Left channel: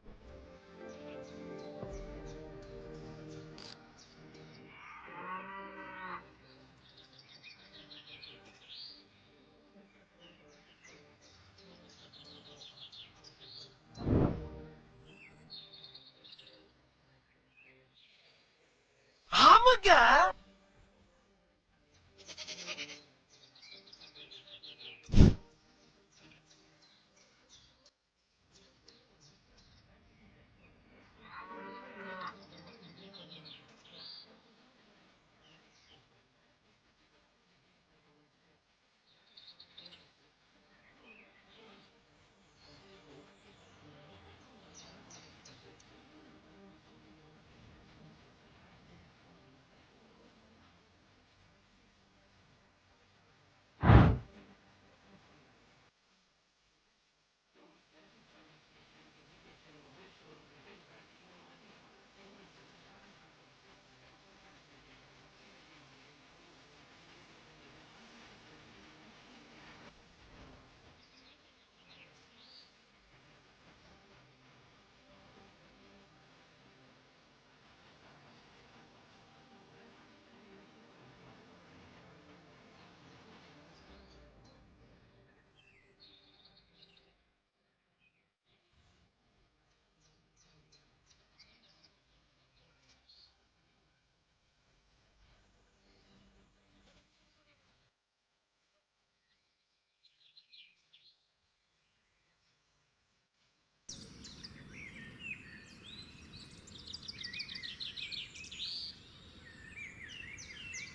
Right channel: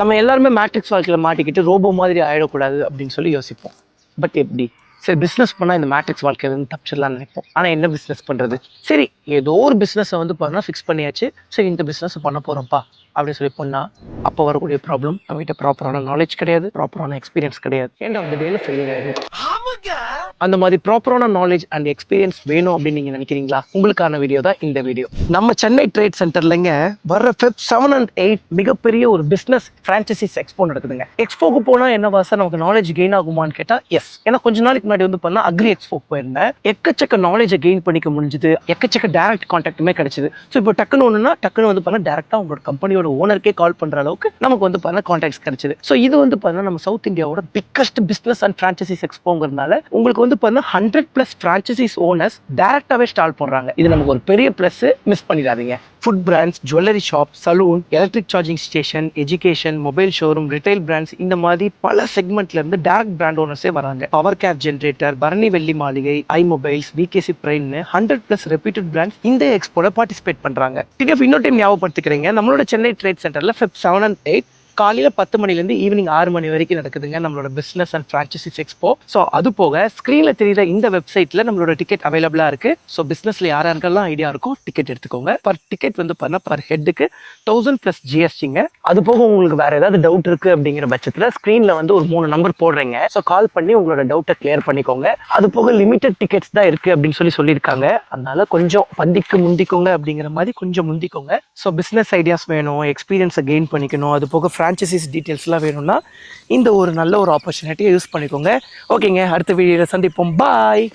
நம்ம எல்லாருமே மேட்ரிக்ஸ் வாழ்க்கையில் மாட்டிக்கிட்டு ரோபோ மாதிரி ஆயிடக்கூடாது அப்படின்னு சொல்லி யோசிப்போம். பட் எப்படி? சரி, பிஸ்னஸ் பண்ணால் இந்த மேட்ரிக்ஸ் வாழ்க்கையிலேருந்து தப்பிச்சிடலாம்னு நினைப்போம். ஆனால் என்ன பிஸ்னஸ் பண்ணுறது? சரி, ஏதோ ஒரு பிஸ்னஸை வந்து பார்த்தா ஃபிக்ஸ் பண்ணியாச்சு. சரி, இந்த பிஸ்னஸ் பண்ண போகிறோம்ப்பா அப்படின்னு சொல்லி பண்ணால் அப்போ வரக்கூடிய ப்ராப்ளம், நம்மகிட்ட ப்ராப்பரான நாலேஜ் கிடையாது, ப்ராப்பரான எக்ஸ்பீரியன்ஸ் கிடையாது. ஏன்னா அந்த டேல ஃபெயிலியர் ஆகிடும். அந்த மாதிரி ப்ராப்பரான நாலேஜ் அண்ட் எக்ஸ்பீரியன்ஸ் வேணும் அப்படின்னு நீங்க நினைக்கிறீங்களா? உங்களுக்கான வீடியோ தான் இந்த வீடியோ. நம்ம சென்னை ட்ரேட் சென்டர்லங்க வர்ற Feb 7 and 8 மிகப்பெரிய ஒரு பிசினஸ் பிரான்சைசிஸ் எக்ஸ்போ நடக்குதுங்க. எக்ஸ்போக்கு போனா என்ன சார் நமக்கு நாலேஜ் கெயின் ஆகுமான்னு கேட்டா எஸ். ஏன்னா கொஞ்ச நாளைக்கு முன்னாடி வந்து பண்ணா அக்ரி எக்ஸ்போக்கு போயிருந்தேன். எக்கச்சக்க நாலேஜை கெயின் பண்ணிக்க முடிஞ்சது, எக்கச்சக்க டைரக்ட் கான்டாக்டுமே கிடைச்சது. ஸோ இப்போ டக்குன்னு ஒண்ணுன்னா டக்குன்னு வந்து பண்ணா டேரக்டா உங்களோட கம்பெனியோட ஓனருக்கே கால் பண்ற அளவுக்கு நமக்கு வந்து பண்ண கான்டாக்ட்ஸ் கிடைச்சது. ஸோ இது வந்து பண்ணா நம்ம சவுத் இந்தியாவோட பிக்கஸ்ட் பிசினஸ் அண்ட் பிரான்சைசிஸ் எக்ஸ்போங்கிறதுனால உங்களுக்கு வந்து பார்த்தா 100+ ஃப்ரான்ச்சைசிஸ் ஓனர்ஸ் டைரக்டாவே ஸ்டால் போடுறாங்க. இது நமக்கு ஒரு பெரிய பிளஸ், மிஸ் பண்ணிடாதீங்க. Food brands, jewellery shop, saloon, electric charging station, education, mobile showroom, retail brands, இந்த மாதிரி பல செக்மெண்ட்ல இருந்து டைரக்ட் பிராண்ட் ஓனர்ஸே வராங்க. பவர் கேப் ஜென்ரேட்டர், பரணி வெள்ளி மாளிகை, ஐ மொபைல்ஸ், விகேசி பிரைன்னு 100+ ரெப்யூட்டட் பிராண்ட்ஸ் இந்த எக்ஸ்போல பார்ட்டிசிபேட் பண்றாங்க. இன்னொரு டைம் ஞாபகப்படுத்திக்கிறீங்க, நம்மளோட சென்னை ட்ரேட் சென்டர்ல Feb 7 and 8 காலையில 10 மணிலேருந்து ஈவினிங் 6 மணி வரைக்கும் நடக்குதுங்க நம்மளோட பிசினஸ் அண்ட் பிரான்சைசிஸ் எக்ஸ்போ. ஸோ அது போக ஸ்க்ரீனில் தெரியுற இந்த வெப்சைட்ல நம்மளோட டிக்கெட் அவைலபிளா இருக்கு. ஸோ பிசினஸ்ல யாருக்கெல்லாம் ஐடியா இருக்கோ டிக்கெட் எடுத்துக்கோங்க. பர் டிக்கெட் வந்து பண்ண பர் ஹெட்டுக்கு 1000+ ஜிஎஸ்டிங்க. அது போக உங்களுக்கு வேற ஏதாவது டவுட் இருக்கு அப்படிங்கிற பட்சத்தில் ஸ்க்ரீன்ல வந்து ஒரு 3 நம்பர் போடுறீங்க. ஸோ கால் பண்ணி உங்களோட டவுட்டை கிளியர் பண்ணிக்கோங்க. அது போக லிமிடெட் டிக்கெட்ஸ் தான் இருக்கு அப்படின்னு சொல்லியிருக்காங்க. அதனால கொஞ்சம் பந்திக்கு முந்திக்கோங்க அப்படிங்கிற மாதிரி கொஞ்சம் முந்திக்கோங்க. ஸோ பிசினஸ் ஐடியாஸ் வேணும், எக்ஸ்பீரியன்ஸை கெயின் பண்ணிக்கணும், அது போக ஃப்ரான்ச்சைசிஸ் டீட்டெயில்ஸ்லாம் வேணும்னா இந்த ஒரு நல்ல ஒரு ஆப்பர்ச்சுனிட்டியை யூஸ் பண்ணிக்கோங்க. ஓகேங்க, அடுத்த வீடியோவில் சந்திப்போம். பாய்.